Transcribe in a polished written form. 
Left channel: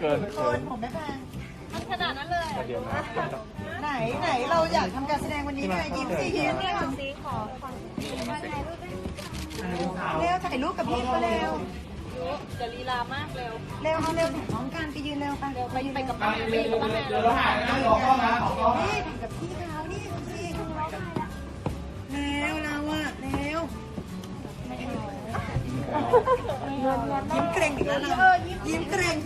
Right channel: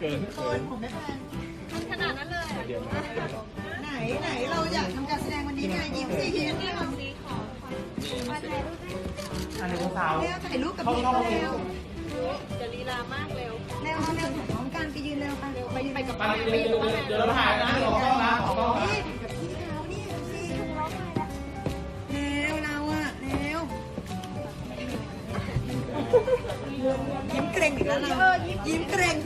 เกิน คนผมไม่แพง ขนาดนั้นเลยอ่ะ ไหนเราอยากทำการแสดงวันนี้ไงยิ้มสิยิ้ม ขอสีขอมาถ่ายรูปด้วย เร็วถ่ายรูปกับพี่ก็เร็ว จะลีลามากเร็ว เร็วถ่ายพร้อมกันไปยืนเร็วไป ไปกับป้าไปอยู่กับป้าแม่เลย นี่กับพี่เขานี่สิเร็วเราอะเร็วยิ้มเกรงอีกแล้วเรายิ้มเกรง